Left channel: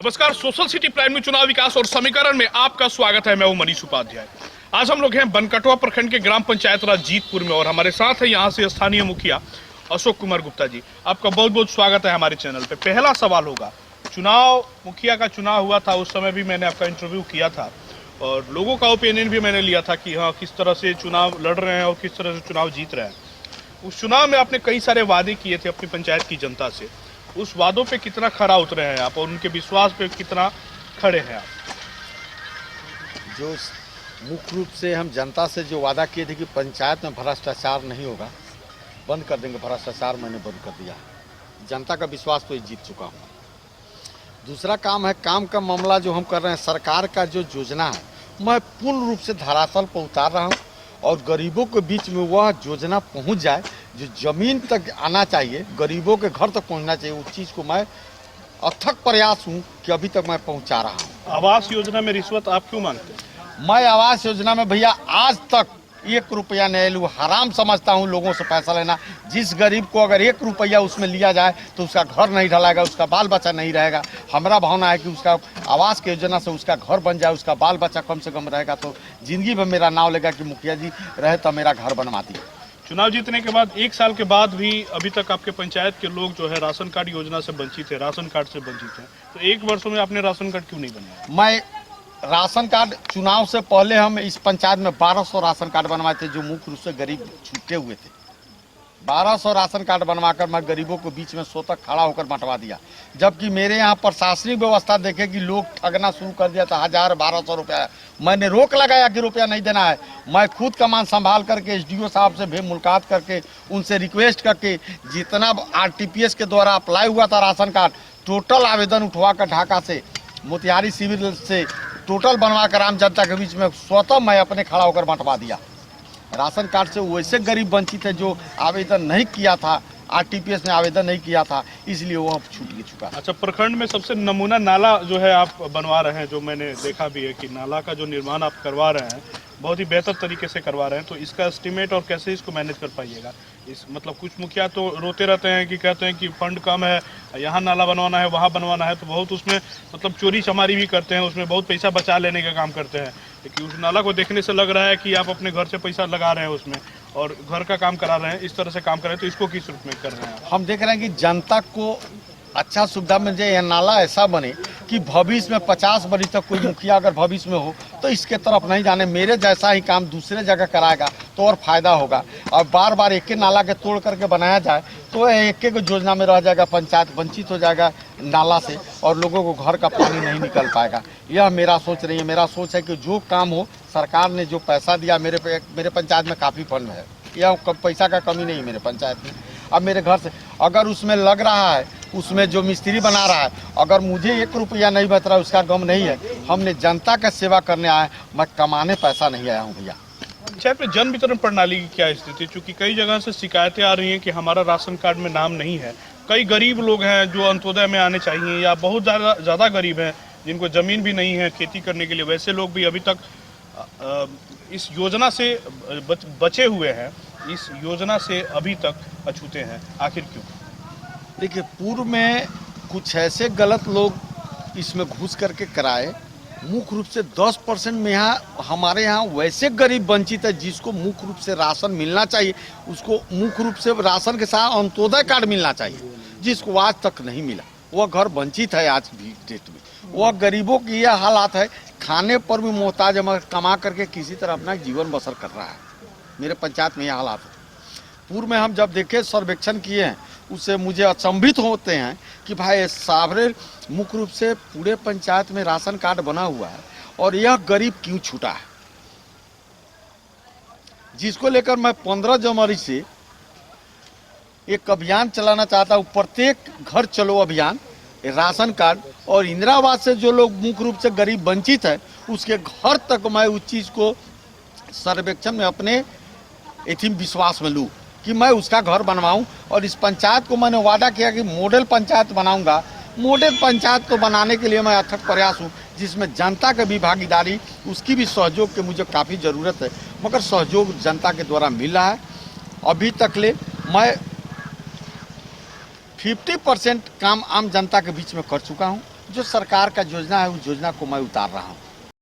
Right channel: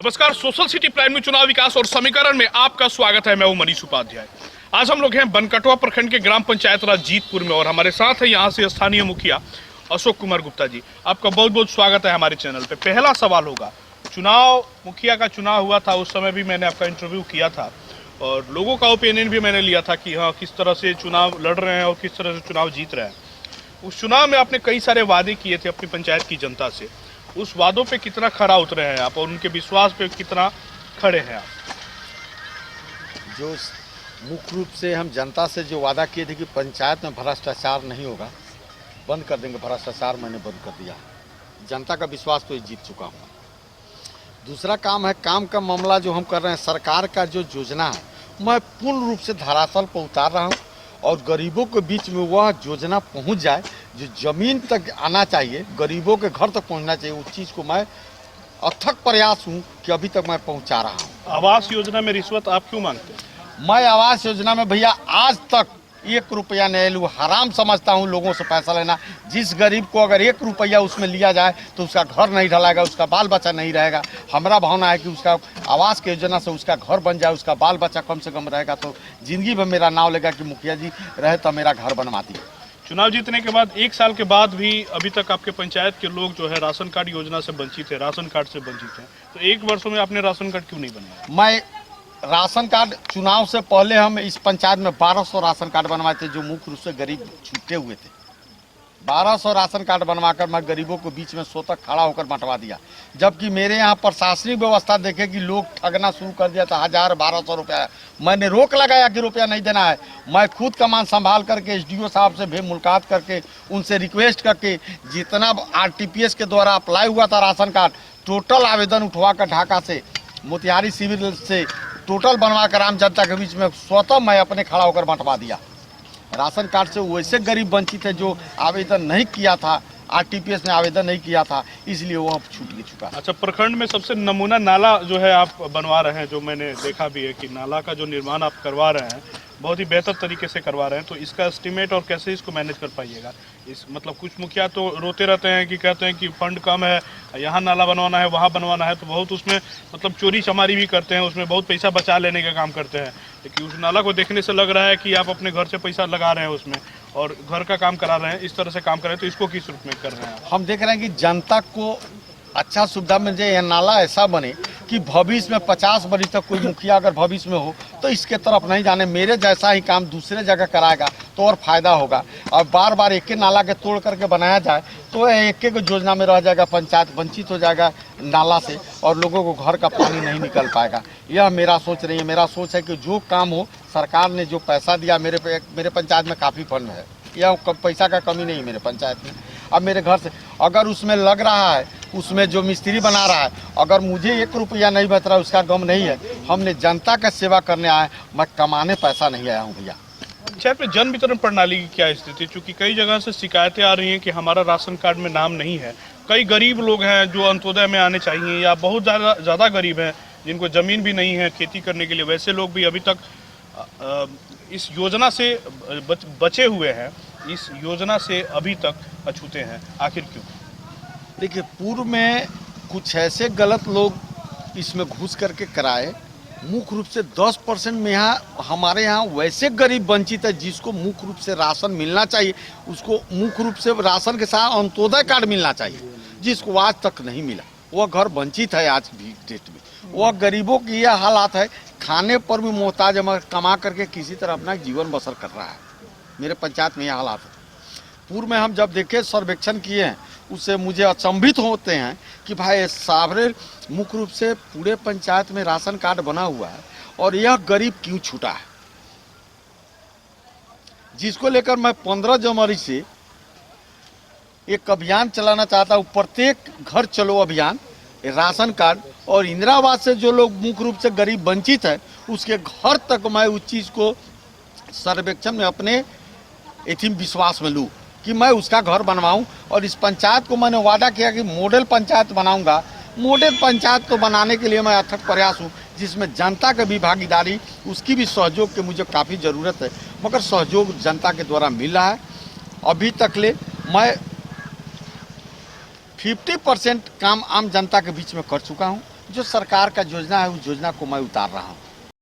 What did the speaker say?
नमस्कार, social city prime में चुनाव विकास और समीकरण में आपका स्वागत है। मैं हूं मनीष उपाध्याय। आज हम लोग हैं बनकटवा प्रखंड के ग्राम पंचायत राज जीतपुर में और हमारे साथ है यहां से स्थानीय मुखिया अशोक कुमार गुप्ता जी। आपका बहुत बहुत स्वागत है हमारे चैनल पे। पहला सवाल होगा, मुखिया का चुनाव हुआ था, उस समय भी मैंने आपका इंटरव्यू किया था और लोगों का ओपिनियन भी मैंने लिया था कि हाँ, किस तरह से चुनाव लड़ रहे हैं और किस तरह से चुनाव जीत रहे हैं। उस चुनाव में आपने कई सारे वादे किए थे अपनी पंचायत की जनता से। उस वादों पे कितना खरा उतरे हैं आप और उनके विश्वास पे कितना खड़े हैं आप? जो मुख्य रूप से हम जनता से जो वादा किए थे कि पंचायत में भ्रष्टाचार नहीं होगा, बंद कर देंगे भ्रष्टाचार, मैंने बंद कर दिया। जनता का विश्वास तो जीत चुका हूँ। दूसरा काम है, काम का मामला जो हम कर रहे हैं, सरकार का जो योजना है मैं पूर्ण रूप से धरातल पर उतार रहा हूँ और गरीबों के बीच में वह योजना पहुँच जाए जो ज़मीन तक आना चाहिए, गरीबों के घर तक पहुँचना चाहिए। उस चीज़ को मैं अथक प्रयास हूँ कि अभी तक मैं पहुँचा रहा हूँ। आवास योजना में रिश्वत आप क्यों मांगते हैं? मैं आवास योजना में भैया आज तक 1 रुपया नहीं लूँ। हराम समझता हूँ लोगों से पैसा लेना। जिस गरीब को अगर 1 रुपया उसमें लिया जाए तो उसका घर नहीं ढलाएगा, उसका बाल बच्चा नहीं रहेगा। हमारा भावना है कि उसका आवास की योजना से उसका घर बन जाए, उसका बाल बच्चा कम से कम रहेगा तो जिंदगी में मेरा नाम लेगा कि मुखिया जी रहे तो मेरा घर बनवा दिए। चुनाव जीतने के बाद 1 साल के बाद भी अभी तक आपके पंचायत के लोग जो है राशन कार्ड योजना से वंचित है, राशन कार्ड से वंचित है। तो 1 वर्षों में आपने राशन कार्ड क्यों नहीं बनाया? मैं राशन कार्ड चुनाव से पहले हम इस पंचायत में 1200 राशन कार्ड बनवाए थे जो मुख्य रूप से गरीब छूटे हुए थे। 1200 राशन कार्ड बनवाकर मैं गरीबों को बीच में स्वतः खड़ा होकर बंटवा दिया। जबकि मेरे यहाँ प्रशासनिक व्यवस्था देखे कि लोग ठगना शुरू कर दिया था। 1000-1200 रुपया मैंने रोक लगाया कि रुपया नहीं देना है। मैं खुद कमान संभाल करके एसडीओ साहब से भी मुलाकात करके उनसे रिक्वेस्ट करके जितना आरटीपीएस के द्वारा अप्लाई हुआ था राशन कार्ड, टोटल आवेदन उठवा कर ढाका से, मोतिहारी सिविल से टोटल बनवा कर आम जनता के बीच में स्वतः मैं अपने खड़ा होकर बंटवा दिया। राशन कार्ड से वैसे गरीब वंचित है जो आवेदन नहीं किया था, आरटीपीएस में आवेदन नहीं किया था, इसलिए वो अब छूट चुका। अच्छा, प्रखंड में सबसे नमूना नाला जो है आप बनवा रहे हैं, जो मैंने देखा भी है कि नाला का जो निर्माण आप करवा रहे हैं बहुत ही बेहतर तरीके से करवा रहे हैं। तो इसका एस्टिमेट और कैसे इसको मैनेज कर पाइएगा? इस मतलब कुछ मुखिया तो रोते रहते हैं कि कहते हैं कि फंड कम है, यहाँ नाला बनवाना है, वहाँ बनवाना है, तो बहुत उसमें मतलब चोरी चमारी भी करते हैं, उसमें बहुत पैसा बचा लेने का काम करते हैं। लेकिन उस नाला को देखने से लग रहा है कि आप अपने घर से पैसा लगा रहे हैं उसमें और घर का काम करा रहे हैं, इस तरह से काम कर रहे हैं। तो इसको किस रूप में कर रहे हैं? हम देख रहे हैं कि जनता को अच्छा सुविधा मिल जाए, यह नाला ऐसा बने कि भविष्य में 50 वर्ष तक कोई मुखिया अगर भविष्य में हो तो इसके तरफ नहीं जाने, मेरे जैसा ही काम दूसरे जगह कराएगा तो और फायदा होगा। और बार बार एक ही नाला के तोड़ करके बनाया जाए तो एक योजना में रह जाएगा, पंचायत वंचित हो जाएगा नाला से और लोगों को घर का पानी नहीं निकल पाएगा। यह मेरा सोच नहीं है। मेरा सोच है कि जो काम हो, सरकार ने जो पैसा दिया मेरे पंचायत में काफ़ी फंड है, यह पैसा का कमी नहीं है मेरे पंचायत में। अब मेरे घर से अगर उसमें लग रहा है, उसमें जो मिस्त्री बना रहा है, अगर मुझे 1 रुपया नहीं बच रहा, उसका गम नहीं है। हमने जनता का सेवा करने आए, मैं कमाने पैसा नहीं आया हूँ भैया। पंचायत में जन वितरण प्रणाली की क्या स्थिति? चूंकि कई जगह से शिकायतें आ रही हैं कि हमारा राशन कार्ड में नाम नहीं है। कई गरीब लोग हैं जो अंत्योदय में आने चाहिए या बहुत ज़्यादा गरीब हैं जिनको ज़मीन भी नहीं है खेती करने के लिए, वैसे लोग भी अभी तक इस योजना से बचे हुए हैं, इस योजना से अभी तक अछूते हैं। आखिर क्यों? देखिए, पूर्व में कुछ ऐसे गलत लोग इसमें घुस करके कराए। मुख्य रूप से 10% में हमारे यहाँ वैसे गरीब वंचित है जिसको मुख्य रूप से राशन मिलना चाहिए, उसको मुख्य रूप से राशन के साथ अंत्योदय कार्ड मिलना चाहिए, जिसको आज तक नहीं मिला। वह घर वंचित है आज भी डेट में। वह गरीबों की यह हालात है, खाने पर भी मोहताज है, कमा करके किसी तरह अपना जीवन बसर कर रहा है। मेरे पंचायत में यह हालात है। पूर्व में हम जब देखे सर्वेक्षण किए हैं, उससे मुझे अचंभित होते हैं कि भाई सावरे मुख्य रूप से पूरे पंचायत में राशन कार्ड बना हुआ है और यह गरीब क्यों छूटा है, जिसको लेकर मैं 15 जनवरी से एक अभियान चलाना चाहता हूँ। प्रत्येक घर चलो अभियान, राशन कार्ड और इंदिरा आवास से जो लोग मुख्य रूप से गरीब वंचित है उसके घर तक मैं उस चीज़ को सर्वेक्षण में अपने विश्वास में लूँ कि मैं उसका घर बनवाऊं। और इस पंचायत को मैंने वादा किया कि मॉडल पंचायत बनाऊंगा। मॉडल पंचायत को बनाने के लिए मैं अथक प्रयास हूं, जिसमें जनता की भी भागीदारी, उसकी भी सहयोग की मुझे काफ़ी ज़रूरत है, मगर सहयोग जनता के द्वारा मिल रहा है। अभी तक ले मैं 50% काम आम जनता के बीच में कर चुका हूं। जो सरकार का योजना है उस योजना को मैं उतार रहा हूँ।